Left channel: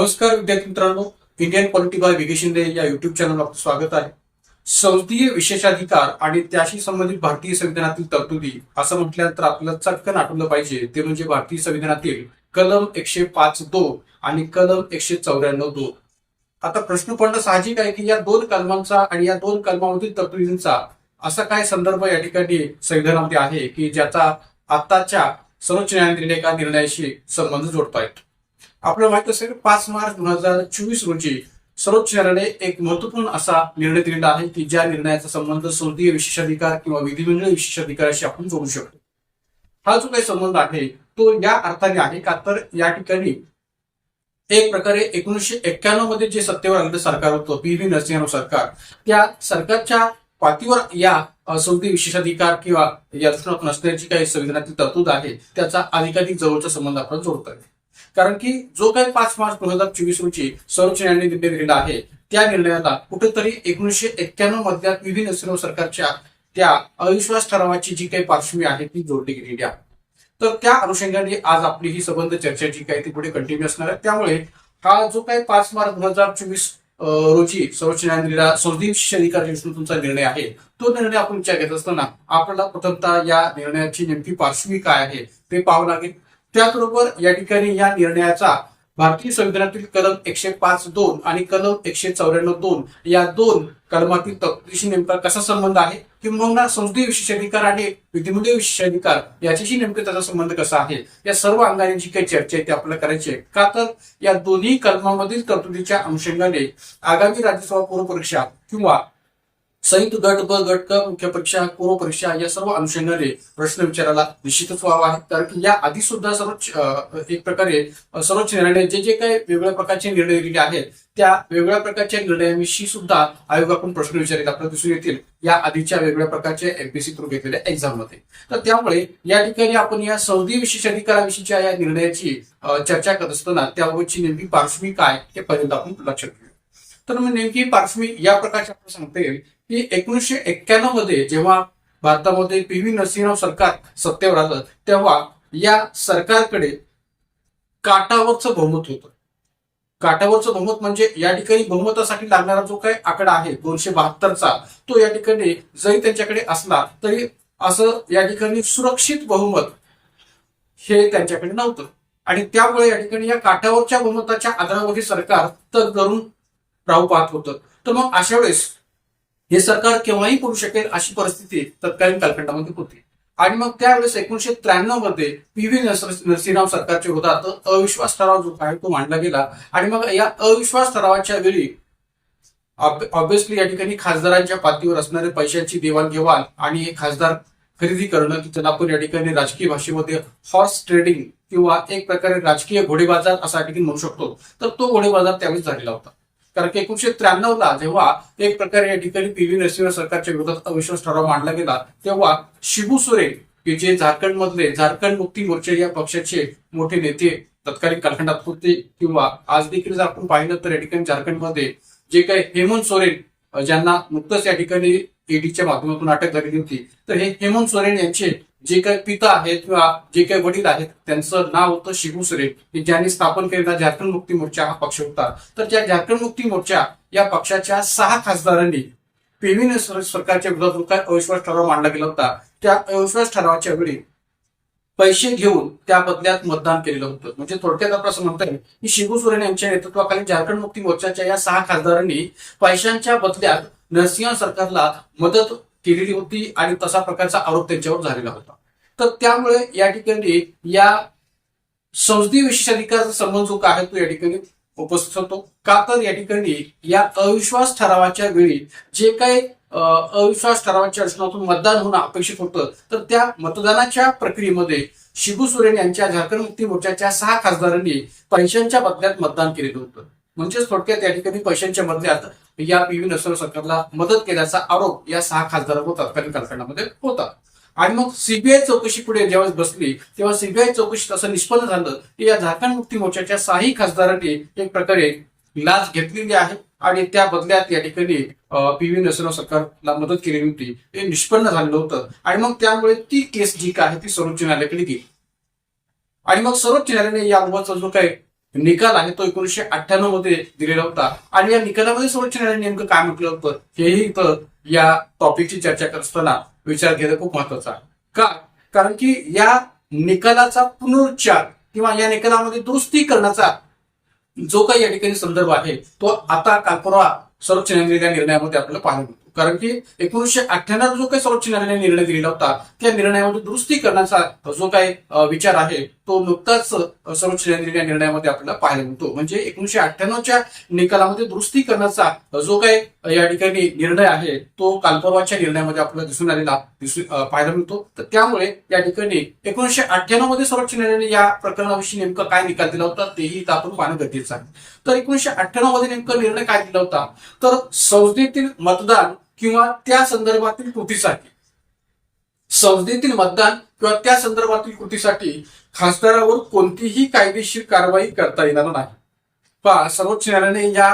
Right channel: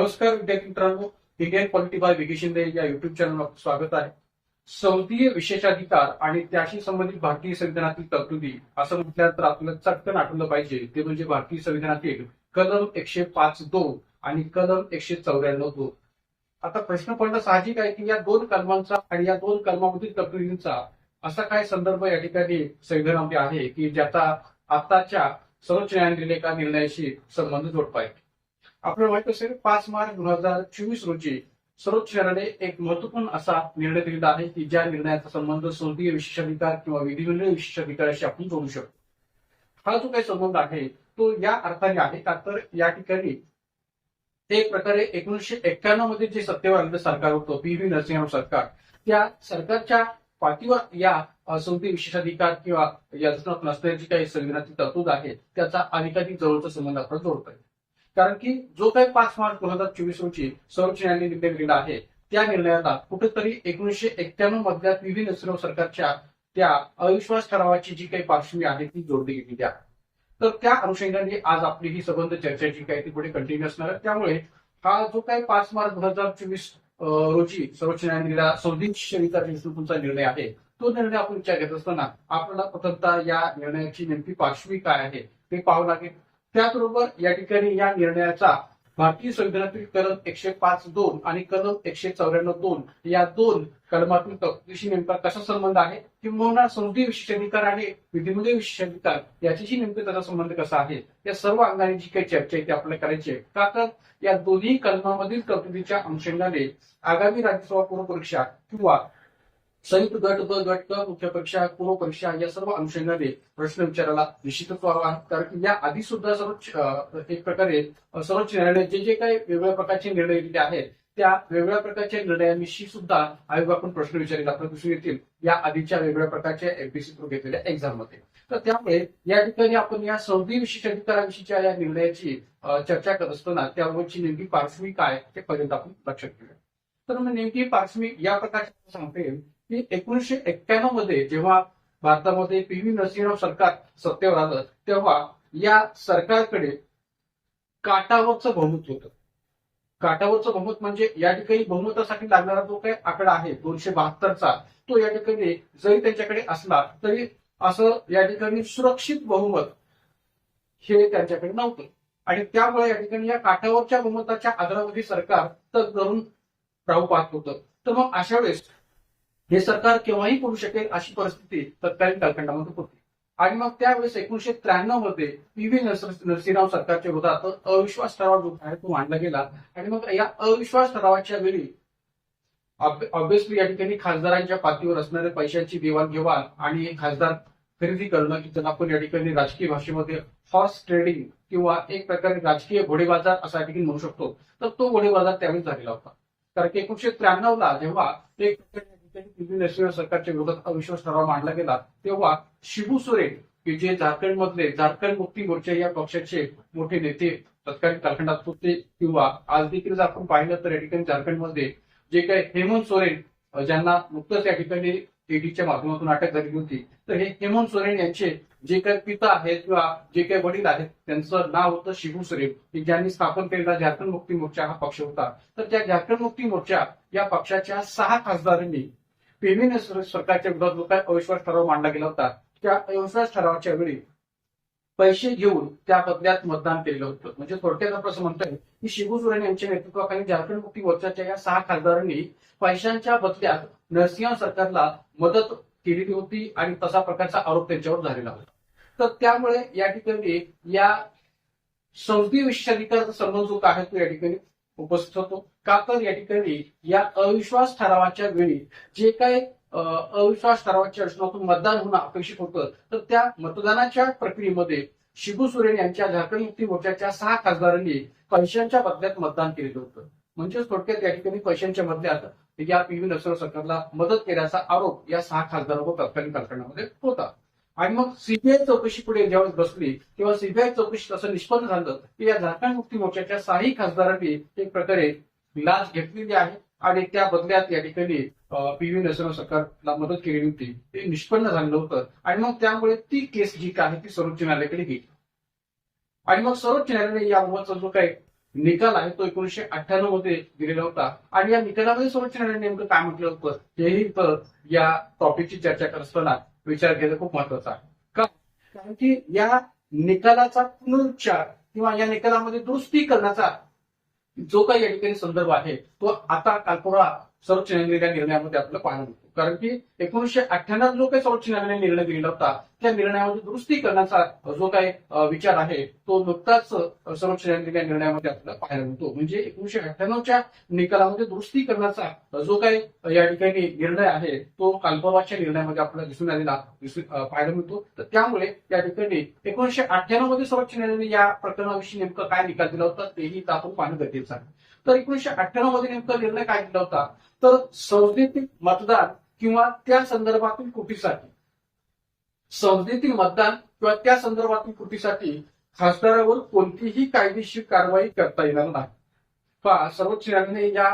नमस्कार विद्यार्थी मित्रांनो, इंडियन पॉलिटी बाय विके शिंदे या युट्यूब चॅनलवर आपलं स्वागत आहे. संसदीय विशेषाधिकार आणि त्याशी संबंधित भारतीय संविधानातील तरतुदी असं म्हटल्यानंतर आपल्याला चटकन आठवलं पाहिजे ते म्हणजे भारतीय संविधानातील कलम 105(2) आणि कलम 194(2). आता प्रश्न पडणं साहजिक आहे की या दोन कलमांचा आणि या दोन कलमामधील तरतुदींचा असा काय संदर्भ या ठिकाणी संविधानामध्ये आहे की ज्याचा आताच्या सर्वोच्च न्यायालयातील एका निर्णयाशी संबंध जोडतायत. आपल्याला माहित असेल 5 मार्च 2024 रोजी सर्वोच्च न्यायालयाने एक महत्वपूर्ण असा निर्णय दिलेला आहे की ज्या निर्णयाचा संबंध संसदीय विशेषाधिकार किंवा विधिमंडळ विशेषाधिकाराशी आपण जोडू शकतो. हा जो काही संबंध आहे तो या अर्थाने आहे का तर या ठिकाणी एक प्रकारे 1991 मध्ये जे सत्तेवर आलेलं सरकार होतं पी.व्ही. नरसिंहराव सरकार, त्या सरकारच्या पाठीवर या संसदीय विशेषाधिकार किंवा या दृष्टीने नसण्याची काही संविधानातील तरतूद आहे त्याचा अधिकाधिक जवळचा संबंध आपण जोडतोय. कारण की जो काही 5 मार्च 2024 रोजी सर्वोच्च न्यायालयाने निर्णय दिलेला आहे त्या निर्णयाला कुठेतरी 1991 मधल्या पी.व्ही. नरसिंहराव सरकारच्या त्या अविश्वास ठरावाची जी काही पार्श्वभूमी आहे ती जोडली गेलेली आहे. तर त्या अनुषंगाने आज आपली ही संबंध चर्चा जी काही ती पुढे कंटिन्यू असणार आहे. त्यामुळे हा जो काही 5 मार्च 2024 रोजी सर्वोच्च न्यायालयाला संसदीय विशेषाधिकार तुमचा निर्णय आहे तो निर्णय आपण विचार घेत असताना आपल्याला प्रथमतः या निर्णयाची नेमकी पार्श्वभूमी काय आहे ते पाहावं लागेल. त्याचबरोबर या ठिकाणी या निर्णयाचा भारतीय संविधानातील कलम 105(2) आणि कलम 194(2) या दोन कलमातील तरतुदीशी नेमका कसा संबंध आहे किंवा संसदीय विशेषाधिकार आणि विधिमंडळ विशेषाधिकार याच्याशी नेमका त्याचा संबंध कसा आहे या सर्व अंगाने जी काही चर्चा आहे ती आपल्याला करायची आहे. का तर या दोन्ही कलमामधील तरतुदीच्या अनुषंगाने आगामी राज्यसभा पूर्व परीक्षा किंवा संयुक्त गट ब गट क मुख्य परीक्षा पूर्व परीक्षा या सर्व अनुषंगाने प्रश्न विचारायला निश्चितच व्हावा आहे. कारण की या आधी सुद्धा सर्वोच्च एक प्रकारे सर्वोच्च न्यायालयाने जे जे काही वेगवेगळ्या प्रकारचे निर्णय दिलेले आहेत त्या वेगवेगळ्या प्रकारच्या निर्णयांविषयी सुद्धा आयोगाकडून प्रश्न विचारित आपल्याला दिसून येतील या आधीच्या वेगवेगळ्या प्रकारच्या एमपीसी थ्रू घेतलेल्या एक्झाम मध्ये. तर त्यामुळे या ठिकाणी आपण या संसदीय विशेषाधिकाराविषयीच्या या निर्णयाची चर्चा करत असताना त्याबाबतची नेमकी पार्श्वभूमी काय हे पर्यंत आपण लक्षात घेऊया. तर मग नेमकी पार्श्वभूमी या प्रकारची आपल्याला सांगता येईल की 1991 मध्ये जेव्हा भारतामध्ये पी.व्ही. नरसिंहराव सरकार सत्तेवर आलं तेव्हा या सरकारकडे काटावरचं बहुमत होतं. काटावरचं बहुमत म्हणजे या ठिकाणी बहुमतासाठी लागणारा जो काही आकडा आहे 272चा तो या ठिकाणी जरी त्यांच्याकडे असला तरी असं या ठिकाणी सुरक्षित बहुमत हे त्यांच्याकडे नव्हतं आणि त्यामुळे या ठिकाणी या काटावरच्या बहुमताच्या आधारावरती सरकार तर करून राहू पाहत होतं. तर मग अशा वेळेस हे सरकार केव्हाही पडू शकेल अशी परिस्थिती तत्कालीन कालखंडामध्ये होती आणि मग त्यावेळेस 1993 मध्ये पी.व्ही. नरसिंहराव सरकारच्या विरोधात अविश्वास ठराव जो आहे तो मांडला गेला आणि मग या अविश्वास ठरावाच्या वेळी ऑब्व्हियसली या ठिकाणी खासदारांच्या पातळीवर असणारे पैशांची देवाणघेवाण आणि खासदार खरेदी करणं की ज्याला आपण या ठिकाणी राजकीय भाषेमध्ये हॉर्स ट्रेडिंग किंवा एक प्रकारे राजकीय घोडेबाजार असा या ठिकाणी म्हणू शकतो. तर तो घोडेबाजार त्यावेळेस झालेला होता. कारण की 1993 ला जेव्हा एक प्रकारे या ठिकाणी पी.व्ही. नरसिंहराव सरकारच्या विरोधात अविश्वास ठराव मांडला गेला तेव्हा शिबू सोरेन की जे झारखंड मुक्ती मोर्चा या पक्षाचे मोठे नेते तत्कालीन कालखंडात होते किंवा आज देखील जर आपण पाहिलं तर या ठिकाणी झारखंडमध्ये जे काही हेमंत सोरेन ज्यांना नुकतंच या ठिकाणी ईडीच्या माध्यमातून अटक झालेली होती तर हे हेमंत सोरेन यांचे जे काही पिता आहेत किंवा जे काही वडील आहेत त्यांचं नाव होतं शिबू सोरेन की ज्यांनी स्थापन केलेला झारखंड मुक्ती मोर्चा हा पक्ष होता. तर त्या झारखंड मुक्ती मोर्चा या पक्षाच्या 6 खासदारांनी पी.व्ही. नरसिंहराव सरकारच्या विरोधात जो काय अविश्वास ठराव मांडला गेला होता त्या अविश्वास ठरावाच्या वेळी पैसे घेऊन त्या बदल्यात मतदान केलेलं होतं. म्हणजे थोडक्यात आपण असं म्हणता येईल की शिबू सोरेन यांच्या नेतृत्वाखाली झारखंड मुक्ती मोर्चाच्या या 6 खासदारांनी पैशांच्या बदल्यात नरसिंह सरकारला मदत केलेली होती आणि तसा प्रकारचा आरोप त्यांच्यावर झालेला होता. तर त्यामुळे या ठिकाणी या संसदीय विशेषाधिकाराचा संबंध जो काय आहे तो या ठिकाणी उपस्थित होतो. का तर या ठिकाणी या अविश्वास ठरावाच्या वेळी जे काही अविश्वास ठरावाच्या रचनातून मतदान होणं अपेक्षित होतं तर त्या मतदानाच्या प्रक्रियेमध्ये शिबू सोरेन यांच्या झारखंड मुक्ती मोर्चाच्या 6 खासदारांनी पैशांच्या बदल्यात मतदान केलेलं होतं. म्हणजेच थोडक्यात या ठिकाणी पैशांच्या बदल्यात या पी.व्ही. नरसिंहराव सरकारला मदत केल्याचा आरोप या 6 खासदारांवर तत्कालीन कालखंडामध्ये होता. आणि मग सीबीआय चौकशी पुढे ज्यावेळेस बसली तेव्हा सीबीआय चौकशीत असं निष्पन्न झालं की या झारखंड मुक्ती मोर्चाच्या 6 खासदारांनी एक प्रकारे लाच घेतलेली आहे आणि त्या बदल्यात या ठिकाणी पी.व्ही. नरसिंहराव सरकारला मदत केलेली होती हे निष्पन्न झालेलं होतं. आणि मग त्यामुळे ती केस जी काय आहे ती सर्वोच्च न्यायालयाकडे गेली आणि मग सर्वोच्च न्यायालयाने याबाबतचा जो काही निकाल आहे तो 1998 मध्ये दिलेला होता. आणि या निकालामध्ये सर्वोच्च न्यायालयाने नेमकं काय म्हटलं होतं हेही इथं या टॉपिकची चर्चा करत असताना विचार घेणं खूप महत्वाचं आहे. का? कारण की या निकालाचा पुनरुच्चार किंवा या निकालामध्ये दुरुस्ती करण्याचा जो काही या ठिकाणी संदर्भ आहे तो आता काल परवा सर्वोच्च न्यायालयाच्या निर्णयामध्ये आपल्याला पाहायला मिळतो. कारण की 1998 जो काही सर्वोच्च न्यायालयाने निर्णय दिलेला होता त्या निर्णयामध्ये दुरुस्ती करण्याचा जो काही विचार आहे तो नुकताच सर्वोच्च न्यायालयाच्या निर्णयामध्ये आपल्याला पाहायला मिळतो. म्हणजे 1998च्या निकालामध्ये दुरुस्ती करण्याचा जो काही या ठिकाणी निर्णय आहे तो काल परवाच्या निर्णयामध्ये आपल्याला दिसून आलेला पाहायला मिळतो. तर त्यामुळे या ठिकाणी 1998 मध्ये सर्वोच्च न्यायालयाने या प्रकरणाविषयी नेमका काय निकाल दिला होता तेही आपण पाहणं गरजेचं आहे. तर 1998 मध्ये नेमका निर्णय काय दिला होता तर संसदेतील मतदान किंवा त्या संदर्भातील कृतीसाठी खासदारावर कोणतीही कायदेशीर कारवाई करता येणार नाही. पहा, सर्वोच्च न्यायालयाने या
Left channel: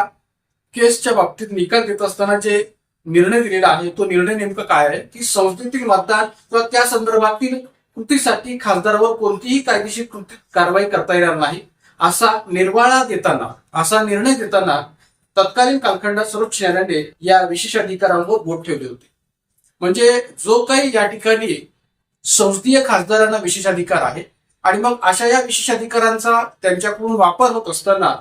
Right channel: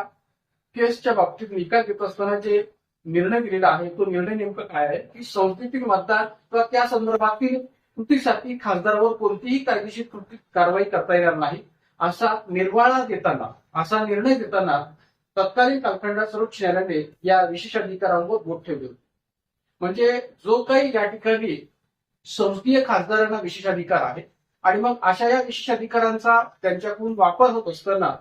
केसच्या बाबतीत निकाल देत असताना जे निर्णय दिलेला आहे तो निर्णय नेमका काय आहे की संसदेतील मतदान किंवा त्या संदर्भातील कृतीसाठी खासदारावर कोणतीही कायदेशीर कारवाई करता येणार नाही असा निर्णय देताना तत्कालीन कालखंडात सर्वोच्च न्यायालयाने या विशेषाधिकारांवर बोट ठेवले होते. म्हणजे जो काही या ठिकाणी संसदीय खासदारांना विशेषाधिकार आहे आणि मग अशा या विशेषाधिकारांचा त्यांच्याकडून वापर होत असताना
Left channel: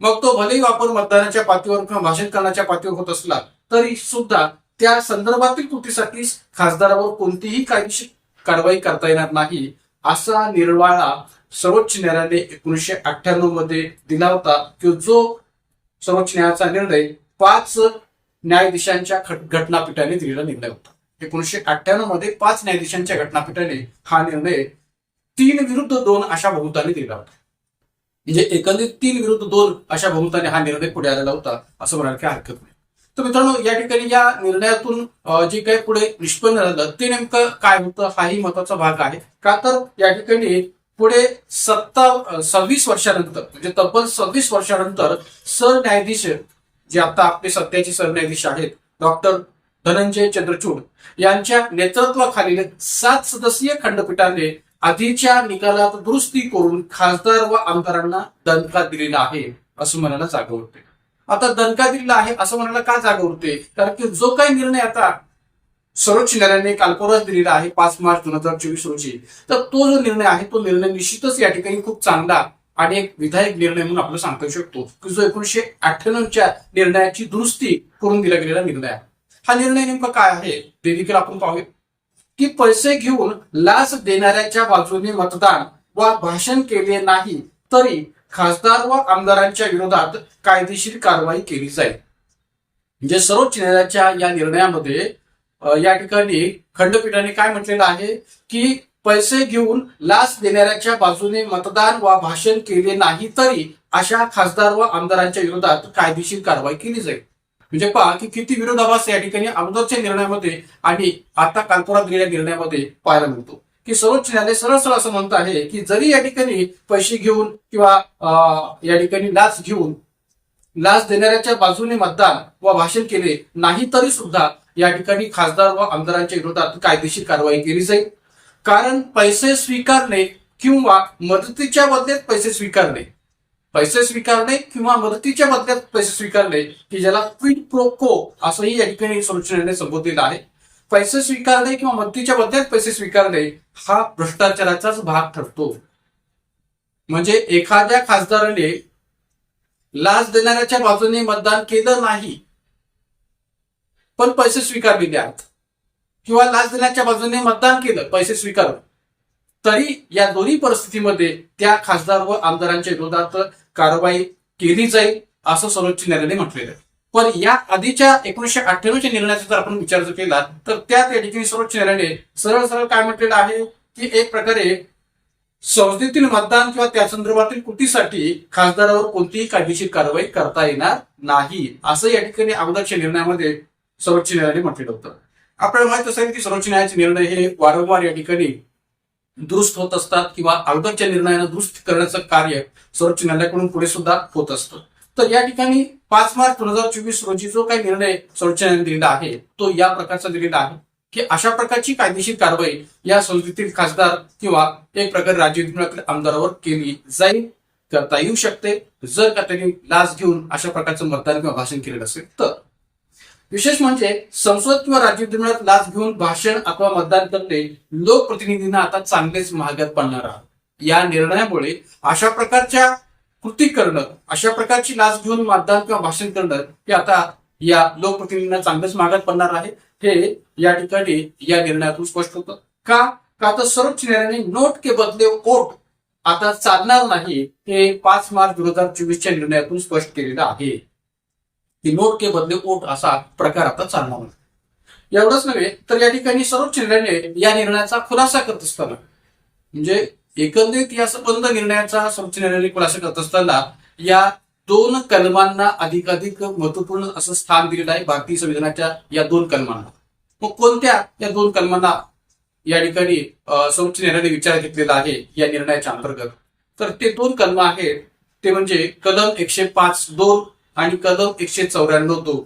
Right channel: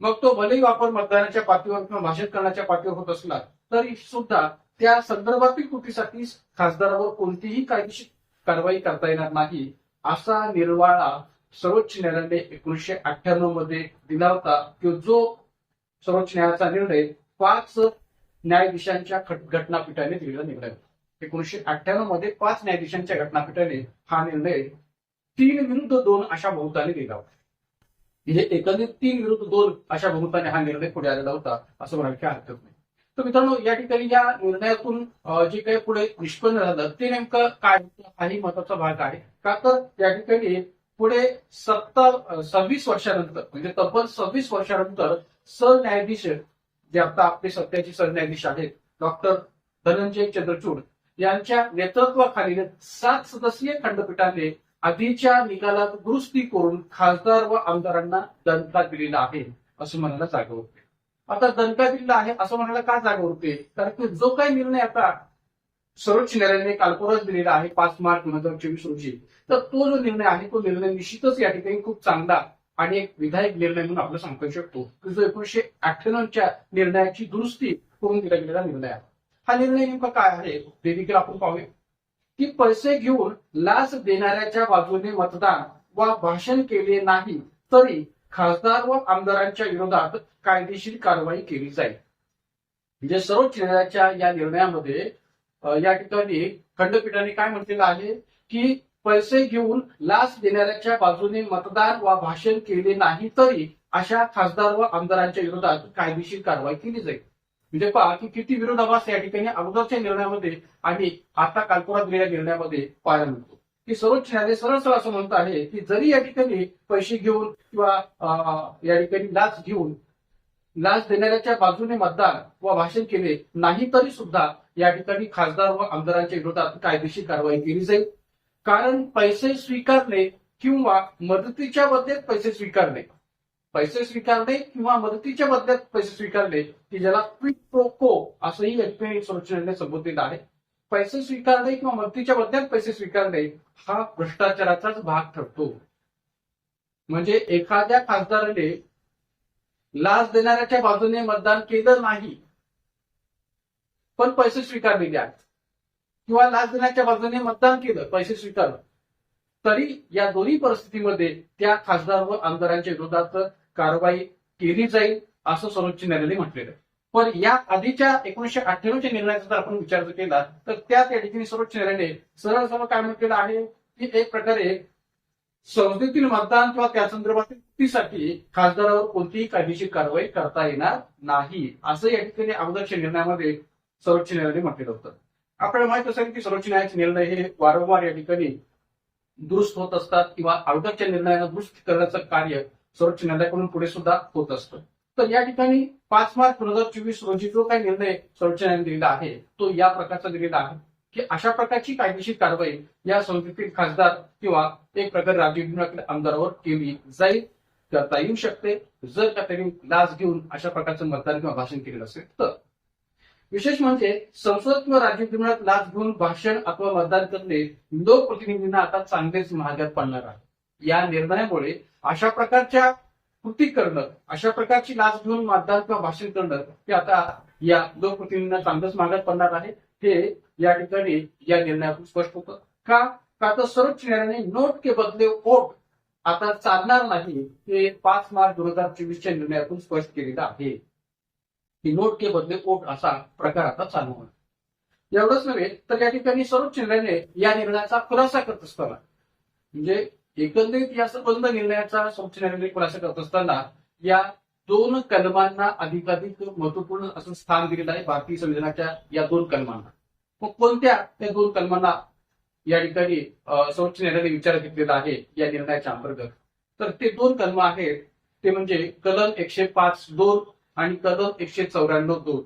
मग तो भलेही वापर मतदानाच्या पातळीवर किंवा भाषण करण्याच्या पातळीवर होत असला तरी सुद्धा त्या संदर्भातील कृतीसाठी खासदारावर कोणतीही कायदेशीर कारवाई करता येणार नाही असा निर्वाळा सर्वोच्च न्यायालयाने 1998 मध्ये दिला होता की जो सर्वोच्च न्यायालयाचा निर्णय 5 न्यायाधीशांच्या घटनापीठाने दिलेला निर्णय होता. 1998 मध्ये 5 न्यायाधीशांच्या घटनापीठाने हा निर्णय 3-2 अशा बहुमताने दिला होता. म्हणजे एकंदरीत 3-2 अशा बहुमताने हा निर्णय पुढे आलेला होता असं म्हणायला काही हरकत नाही. तर मित्रांनो, या ठिकाणी या निर्णयातून जे काही पुढे निष्पन्न झालं ते नेमकं काय होतं हाही महत्वाचा भाग आहे. का तर या ठिकाणी पुढे 26 वर्षानंतर म्हणजे तब्बल 26 वर्षानंतर सरन्यायाधीश जे आता आपले सध्याचे सरन्यायाधीश आहेत डॉक्टर धनंजय चंद्रचूड यांच्या नेतृत्वाखालील 7 सदस्यीय खंडपीठाने आधीच्या निकालात दुरुस्ती करून खासदार व आमदारांना दणका दिलेला आहे असं म्हणायला जागा उरते. आता दणका दिलेला आहे असं म्हणायला का जागा उरते कारण की जो काही निर्णय आता सर्वोच्च न्यायालयाने काल परवाच दिलेला आहे 5 मार्च 2024 रोजी, तर तो जो निर्णय आहे तो निर्णय निश्चितच या ठिकाणी खूप चांगला आणि एक विधायक निर्णय म्हणून आपण सांगू शकतो की जो 1998च्या निर्णयाची दुरुस्ती करून दिला गेलेला निर्णय आहे. हा निर्णय नेमका काय आहे ते देखील आपण पाहूया की पैसे घेऊन लाच देणाऱ्याच्या बाजूने मतदान वा भाषण केले नाही तरी खासदार व आमदारांच्या विरोधात कायदेशीर कारवाई केली जाईल. म्हणजे सर्वोच्च न्यायालयाच्या या निर्णयामध्ये या ठिकाणी खंडपीठाने काय म्हटलेलं आहे की पैसे घेऊन लाच देणाऱ्याच्या बाजूने मतदान वा भाषण केले नाही तरी अशा खासदार व आमदारांच्या विरोधात कायदेशीर कारवाई केली जाईल. म्हणजे पहा की किती विरोधाभास या ठिकाणी अगोदरच्या निर्णयामध्ये आणि आता कालपुरात दिलेल्या निर्णयामध्ये पाहायला मिळतो की सर्वोच्च न्यायालय सरळ सरळ असं म्हणत आहे की जरी या ठिकाणी पैसे घेऊन किंवा या ठिकाणी लाच देणाऱ्याच्या बाजूने मतदान व भाषण केले नाही तरी सुद्धा या ठिकाणी खासदार व आमदारांच्या विरोधात कायदेशीर कारवाई केली जाईल. कारण पैसे स्वीकारणे किंवा मदतीच्या बदल्यात पैसे स्वीकारणे किंवा मदतीच्या बदल्यात पैसे स्वीकारणे की ज्याला क्विड प्रो को असंही या ठिकाणी सर्वोच्च न्यायालयाने संबोधलेलं आहे. पैसे स्वीकारणे किंवा मदतीच्या बदल्यात पैसे स्वीकारणे हा भ्रष्टाचाराचाच भाग ठरतो. म्हणजे एखाद्या खासदाराने लाच देणाऱ्याच्या बाजूने मतदान केलं नाही पण पैसे स्वीकारलेले आहेत किंवा लाच देण्याच्या बाजूने मतदान केलं पैसे स्वीकारले तरी या दोन्ही परिस्थितीमध्ये त्या खासदार व आमदारांच्या विरोधात कारवाई केली जाईल असं सर्वोच्च न्यायालयाने म्हटलेलं आहे. पण या आधीच्या 1998च्या निर्णयाचा जर आपण विचार केला तर त्यात या ठिकाणी सर्वोच्च न्यायालयाने सरळ सरळ काय म्हटलेलं आहे की एक प्रकारे संसदेतील मतदान किंवा त्या संदर्भातील कृतीसाठी खासदारावर कोणतीही कायदेशीर कारवाई करता येणार नाही असं या ठिकाणी अगोदरच्या निर्णयामध्ये सर्वोच्च न्यायालयाने म्हटलेलं होतं. आपल्याला माहित असेल की सर्वोच्च न्यायालयाचे निर्णय हे वारंवार या ठिकाणी दुरुस्त होत असतात किंवा अगोदरच्या निर्णयानं दुरुस्त करण्याचं कार्य सर्वोच्च न्यायालयाकडून पुढे सुद्धा होत असतं. तर या ठिकाणी 5 मार्च 2024 रोजी जो काही निर्णय सर्वोच्च न्यायालयाने दिलेला आहे तो या प्रकारचा दिलेला आहे की अशा प्रकारची कायदेशीर कारवाई या संसदेतील खासदार किंवा एक प्रकारे राज्य विधिमंडळातील आमदारावर केली जाईल करता येऊ शकते जर का त्यांनी लाच घेऊन अशा प्रकारचं मतदान किंवा भाषण केलेलं असेल तर. विशेष म्हणजे संसद किंवा राज्य विधिमंडळात लाच घेऊन भाषण अथवा मतदान करणे लोकप्रतिनिधींना आता चांगलेच महागात पडणार आहे. या निर्णयामुळे अशा प्रकारच्या कृती करणं, अशा प्रकारची लाच घेऊन मतदान किंवा भाषण करणं हे आता या लोकप्रतिनिधींना चांगलंच महागात पडणार आहे. हे या ठिकाणी या निर्णयातून स्पष्ट होतं. का तर सर्वोच्च न्यायालयाने नोट के बदले वोट आता चालणार नाही हे 5 मार्च 2024च्या निर्णयातून स्पष्ट केलेलं आहे की नोट के बदले वोट असा प्रकार आता चालणार नाही. एवढंच नव्हे तर या ठिकाणी सर्वोच्च न्यायालयाने या निर्णयाचा खुलासा करत असताना म्हणजे एकंदरीत या संबंध निर्णयाचा सर्वोच्च न्यायालयाने खुलासा करत असताना या 2 कलमांना अधिकाधिक महत्वपूर्ण असं स्थान दिलेलं आहे भारतीय संविधानाच्या या 2 कलमांना. मग कोणत्या या 2 कलमांना या ठिकाणी सर्वोच्च न्यायालयाने विचार घेतलेला आहे या निर्णयाच्या अंतर्गत? तर ते 2 कलम आहेत ते म्हणजे कलम 105(2) आणि कलम 194(2).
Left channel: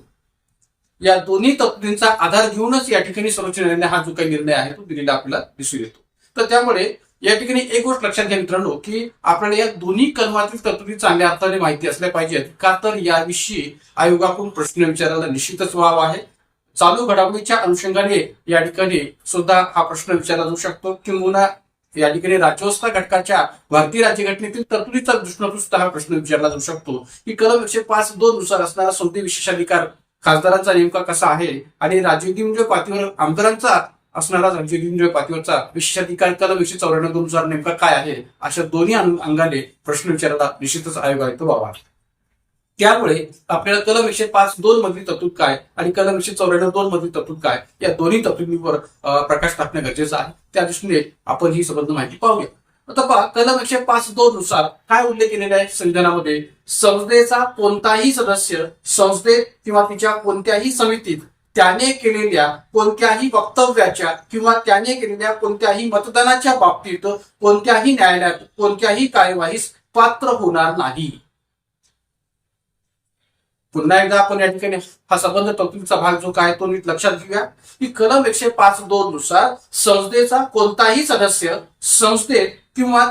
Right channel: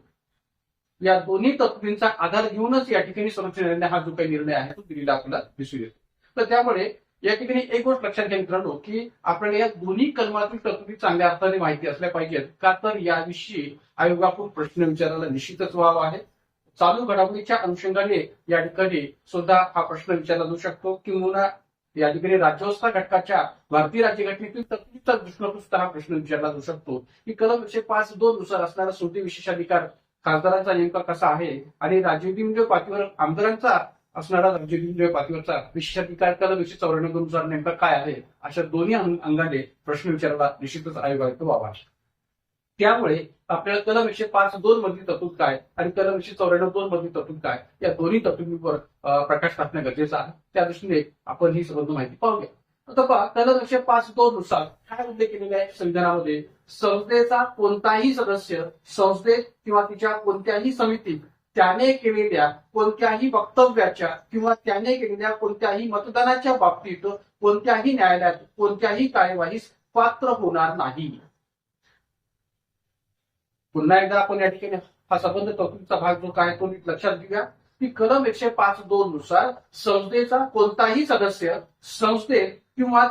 या दोन्ही तरतुदींचा आधार घेऊनच या ठिकाणी सर्वोच्च न्यायालयाने हा जो काही निर्णय आहे तो दिलेला आपल्याला दिसून येतो. तर त्यामुळे या ठिकाणी एक गोष्ट लक्षात घ्या मित्रांनो की आपल्याला या दोन्ही कलमातील तरतुदी चांगल्या अर्थाने माहिती असल्या पाहिजेत. का तर याविषयी आयोगाकडून प्रश्न विचारायला निश्चितच वाव आहे. चालू घडामोडीच्या अनुषंगाने या ठिकाणी सुद्धा हा प्रश्न विचारला जाऊ शकतो किंवा या ठिकाणी राज्यव्यवस्था घटकाच्या भारतीय राज्यघटनेतील तरतुदीचा दृष्टीकोनातून सुद्धा हा प्रश्न विचारला जाऊ शकतो की कलम 105(2) नुसार असणारा संसदीय विशेषाधिकार खासदारांचा नेमका कसा आहे आणि राज्य विधिमंडळ पातळीवर आमदारांचा असणारा राज्य विधिमंडळ पातळीवरचा विशेषाधिकार कलम 194(2) नुसार नेमका काय आहे अशा दोन्ही अंगाने प्रश्न विचारायला निश्चितच आयोग आहे तो वाव आहे. त्यामुळे आपल्याला कलम 105(2) मधली तरतूद काय आणि कलम 194(2) मधली तरतूद काय या दोन्ही तरतुदींवर प्रकाश टाकणं गरजेचं आहे. त्या दृष्टीने आपण ही संबंध माहिती पाहूया. आता पहा कलम 105(2) नुसार काय उल्लेख केलेला आहे संविधानामध्ये? संसदेचा कोणताही सदस्य संसदेत किंवा तिच्या कोणत्याही समितीत त्याने केलेल्या कोणत्याही वक्तव्याच्या किंवा त्याने केलेल्या कोणत्याही मतदानाच्या बाबतीत कोणत्याही न्यायालयात कोणत्याही कार्यवाहीस पात्र होणार नाही. पुन्हा एकदा आपण या ठिकाणी हा संबंध तरतुदीचा भाग जो काय तो नीट लक्षात घेऊया की कलम 105(2) नुसार संसदेचा कोणताही सदस्य संसदेत किंवा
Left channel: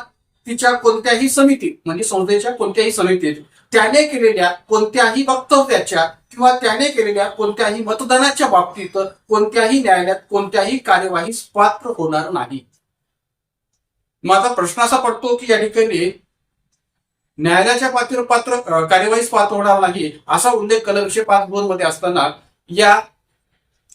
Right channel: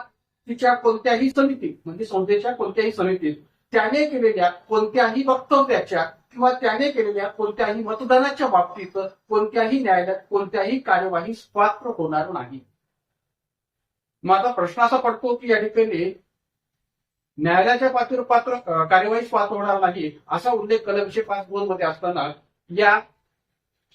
तिच्या कोणत्याही समितीत म्हणजे संसदेच्या कोणत्याही समितीत त्याने केलेल्या कोणत्याही वक्तव्याच्या किंवा त्याने केलेल्या कोणत्याही मतदानाच्या बाबतीत कोणत्याही न्यायालयात कोणत्याही कार्यवाहीस पात्र होणार नाही. मग आता प्रश्न असा पडतो की या ठिकाणी न्यायालयाच्या पातळीवर कार्यवाहीस पात्र होणार नाही असा उल्लेख कलम 105(2) मध्ये असताना या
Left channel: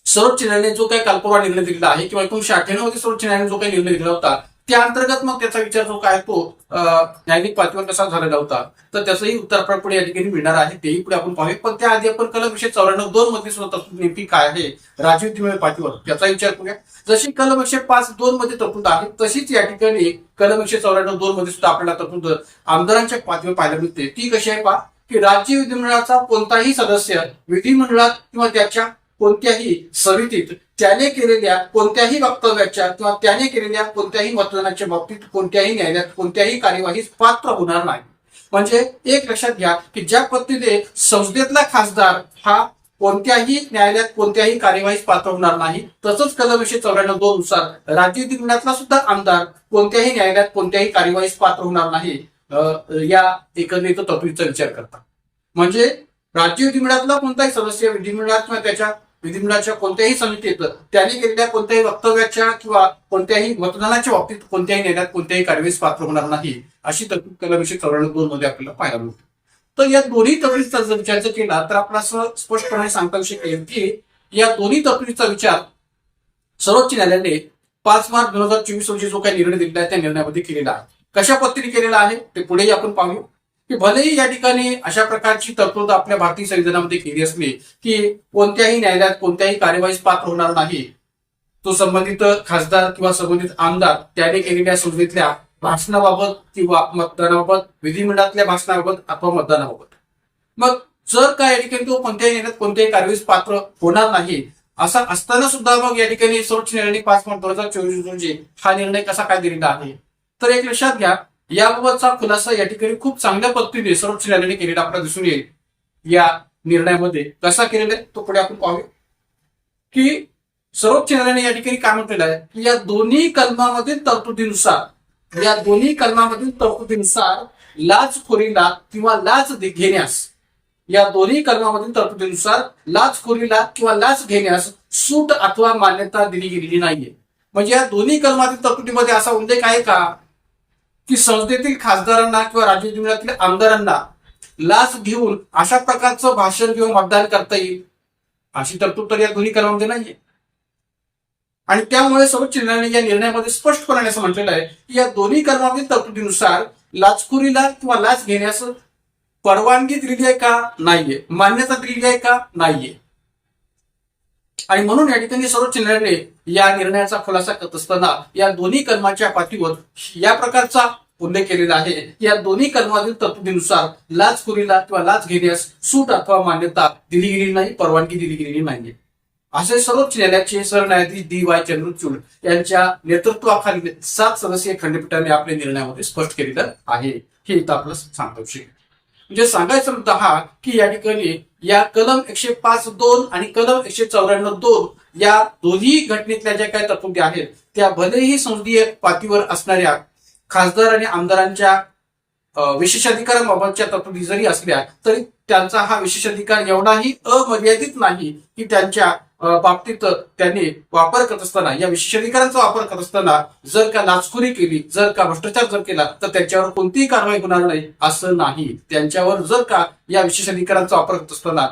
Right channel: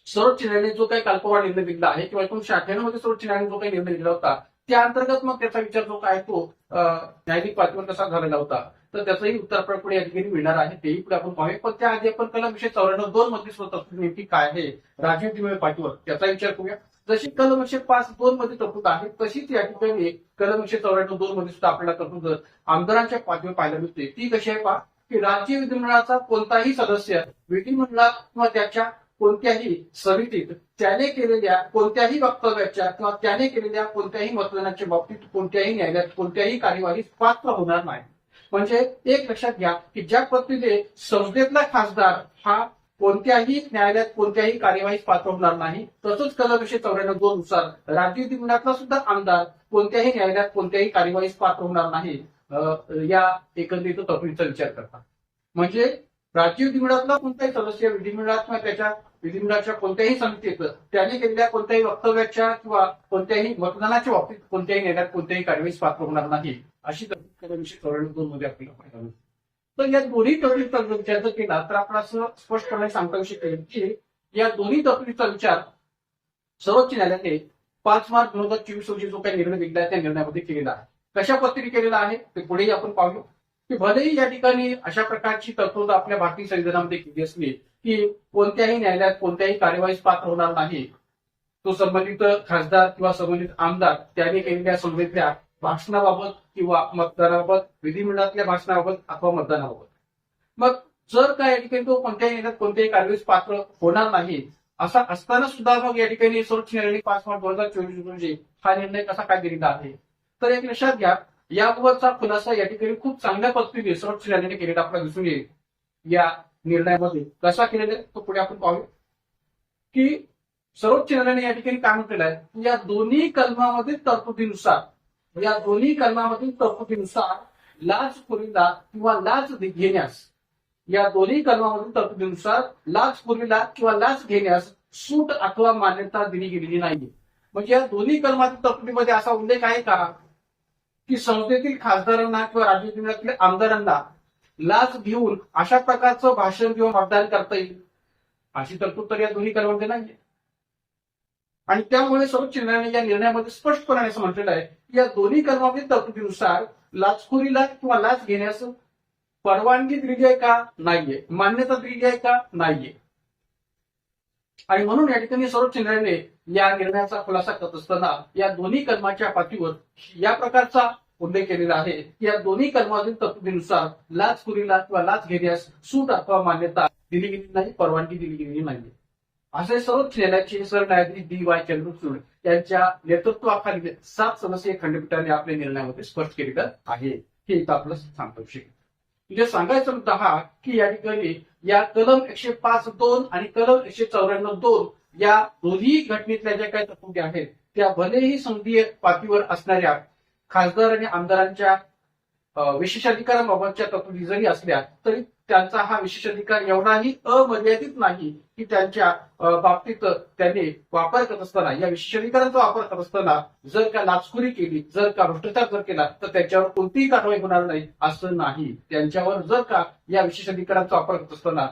सर्वोच्च न्यायालयाने जो काही कालपूर्वा निर्णय दिलेला आहे किंवा 1998 मध्ये सर्वोच्च न्यायालयाने जो काही निर्णय दिला होता त्या अंतर्गत मग त्याचा विचार जो काय तो न्यायालयिक पातळीवर कसा झालेला होता तर त्याचंही उत्तर आपल्याला पुढे या ठिकाणी मिळणार आहे. तेही पुढे आपण पाहूया. पण त्याआधी आपण कलम 194(2) मध्ये सुद्धा तरतूद नेमकी काय आहे राज्य विधिमंडळ पातळीवर त्याचा विचार करूया. जशी कलम 105(2) मध्ये तरतूद आहे तशीच या ठिकाणी कलम 194(2) मध्ये सुद्धा आपल्याला तरतूद आमदारांच्या पातळीवर पाहायला मिळते. ती कशी आहे पहा की राज्य विधिमंडळाचा कोणताही सदस्य विधिमंडळात किंवा त्याच्या कोणत्याही समितीत त्याने केलेल्या कोणत्याही वक्तव्याच्या किंवा त्याने केलेल्या कोणत्याही मतदानाच्या बाबतीत कोणत्याही न्यायालयात कोणत्याही कार्यवाहीस पात्र होणार नाही. म्हणजे एक लक्षात घ्या की ज्या पद्धतीने संसदेतला खासदार हा कोणत्याही न्यायालयात कोणत्याही कार्यवाहीस पात्र होणार नाही तसंच कलम 194(2) नुसार राज्य विधिमंडळातला सुद्धा आमदार कोणत्याही न्यायालयात कोणत्याही कार्यवाहीस पात्र होणार नाही या एकंदरीत तरतुदीचा विचार करता. म्हणजे राज्य विधिमंडळातला कोणताही सदस्य विधिमंडळात किंवा त्याच्या विधिमंडळाच्या कोणत्याही समितीत त्याने केलेल्या कोणत्याही वक्तव्याच्या किंवा कोणत्याही मतदानाच्या बाबतीत कोणत्याही न्यायालयात कोणत्याही कार्यवाहीस पात्र होणार नाही अशी तरतूद कलम 194(2) मध्ये आपल्याला पाहायला मिळते. तर या दोन्ही तरतुदीचा जर विचार केला तर आपल्याला असं स्पष्टपणे सांगता येऊ शकेल की या दोन्ही तरतुदीचा विचार सर्वोच्च न्यायालयाने 5 मार्च 2024 रोजी जो काही निर्णय दिलेला आहे त्या निर्णयामध्ये केलेला आहे. कशा पद्धतीने केलेला आहे ते पुढेही आपण पाहू की भलेही या ठिकाणी अशा प्रकारची तरतूद आपल्या भारतीय संविधानामध्ये केली असली की कोणत्याही न्यायालयात कोणत्याही कार्यवाहीस पात्र होणार नाही तो संबंधित खासदार किंवा संबंधित आमदार त्याने केलेल्या संसदेतल्या भाषणाबाबत किंवा मतदानाबाबत विधिमंडळातल्या भाषणाबाबत अथवा मतदानाबाबत. मग जर का या ठिकाणी तो कोणत्याही न्यायालयात कोणत्याही कार्यवाहीस पात्र होणार नाही असं असताना सुद्धा मग या ठिकाणी सर्वोच्च न्यायालयाने 5 मार्च 2024 रोजी हा निर्णय कसा काय दिलेला आहे तर एक लक्षात घ्या याबाबतचा खुलासा या ठिकाणी खूप चांगल्या पद्धतीने सर्वोच्च न्यायालयाने केलेला आपल्याला दिसून येईल. या निर्णयामध्ये कसा केलेला आहे तो पुढे आपण पाहूया की सर्वोच्च न्यायालयाने या ठिकाणी काय म्हटलेलं आहे की या दोन्ही कलमामधील तरतुदीनुसार लाचखोरीला किंवा लाच घेण्यास, या दोन्ही कलमामधील तरतुदीनुसार लाचखोरीला किंवा लाच घेण्यास सूट अथवा मान्यता दिली गेलेली नाहीये. म्हणजे या दोन्ही कलमातील तरतुदीमध्ये असा उल्लेख आहे का की संसदेतील खासदारांना किंवा राज्य विधानसभेतील आमदारांना लाच घेऊन अशा प्रकारचं भाषण किंवा मतदान करता येईल, अशी तरतूद तर या दोन्ही कलमामध्ये नाहीये. आणि त्यामुळे सर्वोच्च न्यायालयाने या निर्णयामध्ये स्पष्टपणे असं म्हटलेलं आहे की या दोन्ही कलमातील तरतुदीनुसार लाचखोरीला किंवा लाच घेण्यास परवानगी दिलेली आहे का, नाहीये. मान्यता दिलेली आहे का, नाहीये. आणि म्हणून या ठिकाणी सर्वोच्च न्यायालयाने या निर्णयाचा खुलासा करत असताना या दोन्ही कलमाच्या पाठीवर या प्रकारचा उल्लेख केलेला आहे की या दोन्ही कलमातील तरतुदीनुसार लाचखोरीला किंवा लाच घेण्यास सूट अथवा मान्यता दिली गेलेली नाही, परवानगी दिली गेलेली नाहीये. असे सर्वोच्च न्यायालयाचे सरन्यायाधीश DY चंद्रचूड यांच्या नेतृत्वाखालील 7 सदस्यीय खंडपीठाने आपल्या निर्णयामध्ये स्पष्ट केलेलं आहे. हे इथं आपलं सांगतो. म्हणजे सांगायचा मुद्दा हा की या ठिकाणी या कलम 105(2) आणि कलम 194(2) या दोन्ही घटनेतल्या ज्या काही तरतुदी आहेत त्या भलेही संसदीय पातळीवर असणाऱ्या खासदार आणि आमदारांच्या विशेषाधिकाराबाबतच्या तरतुदी जरी असल्या तरी त्यांचा हा विशेषाधिकार एवढाही अमर्यादित नाही की त्यांच्या बाबतीत त्यांनी वापर करत असताना, या विशेषाधिकारांचा वापर करत असताना जर का लाचखोरी केली, जर का भ्रष्टाचार जर केला तर त्यांच्यावर कोणतीही कारवाई होणार नाही असं नाही. त्यांच्यावर जर का या विशेषाधिकारांचा वापर करत असताना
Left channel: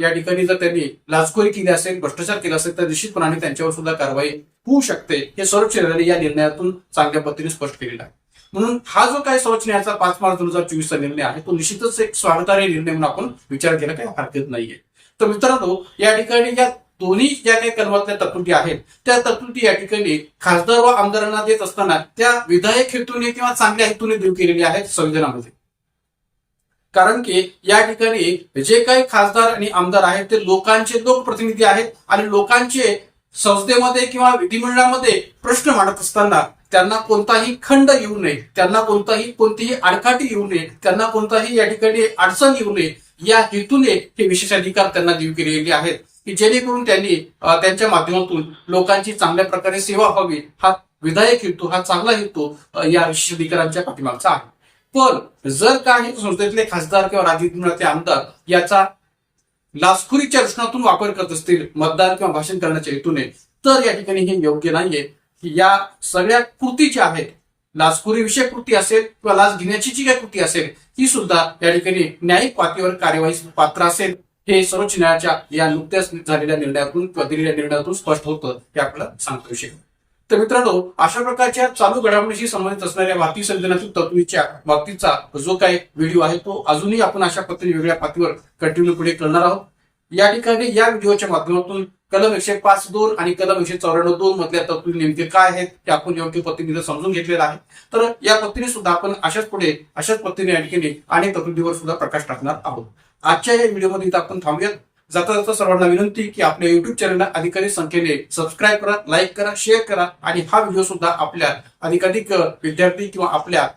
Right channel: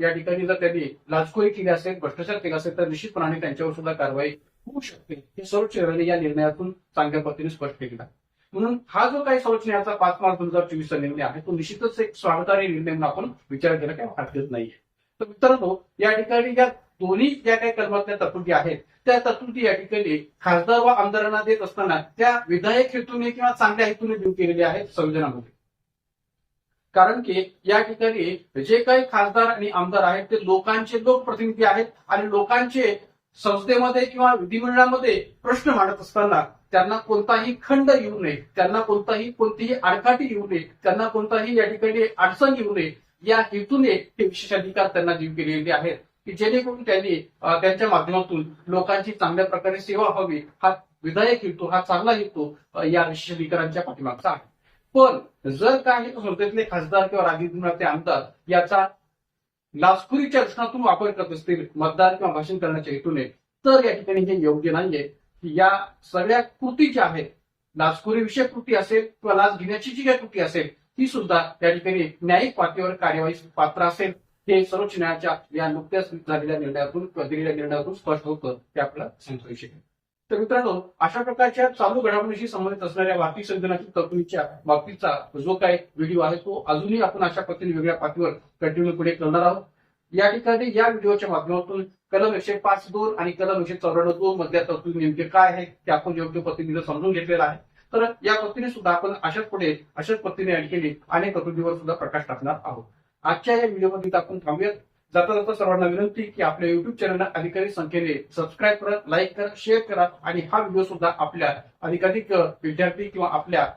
या ठिकाणी जर त्यांनी लाचखोरी केली असेल, भ्रष्टाचार केला असेल तर निश्चितपणाने त्यांच्यावर सुद्धा कारवाई होऊ शकते. हे सर्वोच्च न्यायालयाने या निर्णयातून चांगल्या पद्धतीने स्पष्ट केलेलं आहे. म्हणून हा जो काही सर्वोच्च न्यायालयाचा 5 मार्च 2024 चा निर्णय आहे तो निश्चितच एक स्वागतार्ह निर्णय म्हणून आपण विचार केला काही हरकत नाहीये. तर मित्रांनो, या ठिकाणी या दोन्ही ज्या काही कलमातल्या तरतुदी आहेत त्या तरतुदी या ठिकाणी खासदार व आमदारांना देत असताना त्या विधायक हेतूने किंवा चांगल्या हेतूने देऊ केलेल्या आहेत संविधानामध्ये. कारण की या ठिकाणी जे काही खासदार आणि आमदार आहेत ते लोकांचे लोकप्रतिनिधी आहेत आणि लोकांचे संसदेमध्ये किंवा विधिमंडळामध्ये प्रश्न मांडत असताना त्यांना कोणताही खंड येऊ नये, त्यांना कोणतीही आडकाठी येऊ नये, त्यांना कोणताही या ठिकाणी अडचण येऊ नये या हेतूने हे विशेषाधिकार त्यांना देऊ केलेले आहेत की जेणेकरून त्यांनी त्यांच्या माध्यमातून लोकांची चांगल्या प्रकारे सेवा व्हावी. हा विधायक हेतू, हा चांगला हेतू या विशेषाधिकारांच्या पाठीमागचा आहे. पण जर काही संसदेतले खासदार किंवा राज्य विधिमंडळाचे आमदार याचा लाचखोरीच्या रचनातून वापर करत असतील मतदान किंवा भाषण करण्याच्या हेतूने, तर या ठिकाणी हे योग्य नाहीये की या सगळ्या कृती ज्या आहेत, लाचखोरी विषयक कृती असेल किंवा लाच घेण्याची जी काही कृती असेल ही सुद्धा या ठिकाणी न्यायिक पातळीवर कार्यवाही पात्र असेल. हे सर्वोच्च न्यायालयाच्या या नुकत्याच झालेल्या निर्णयातून किंवा दिलेल्या निर्णयातून स्पष्ट होतं हे आपल्याला सांगतो शकतो. तर मित्रांनो, अशा प्रकारच्या चालू घडामोडीशी संबंधित असणाऱ्या भारतीय संविधानातील तरतुदीच्या बाबतीचा जो काही व्हिडिओ आहे तो अजूनही आपण अशा पद्धतीने वेगळ्या पातळीवर कंटिन्यू पुढे करणार आहोत. या ठिकाणी या व्हिडिओच्या माध्यमातून कलम 105(2) आणि कलम 194(2) मधल्या तरतुदी नेमके काय आहेत ते आपण योग्य पद्धतीने समजून घेतलेलं आहे. तर या पद्धतीने सुद्धा आपण अशाच पद्धतीने या ठिकाणी अनेक तरतुदीवर सुद्धा प्रकाश टाकणार आहोत. आजच्या या व्हिडिओमध्ये इथं आपण थांबूयात. जाता जाता सर्वांना विनंती की आपल्या युट्यूब चॅनलला अधिकाधिक संख्येने सबस्क्राईब करा, लाईक करा, शेअर करा आणि हा व्हिडिओ सुद्धा आपल्या अधिकाधिक विद्यार्थी किंवा आपल्या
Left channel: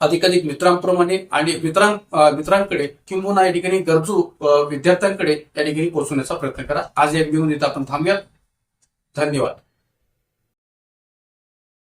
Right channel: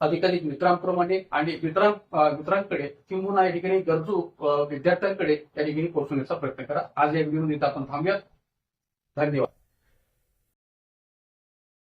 अधिकाधिक मित्रांप्रमाणे आणि मित्रांकडे किंवा या ठिकाणी गरजू विद्यार्थ्यांकडे या ठिकाणी पोहोचवण्याचा प्रयत्न करा. आज या व्हिडिओमध्ये आपण थांबूयात. धन्यवाद.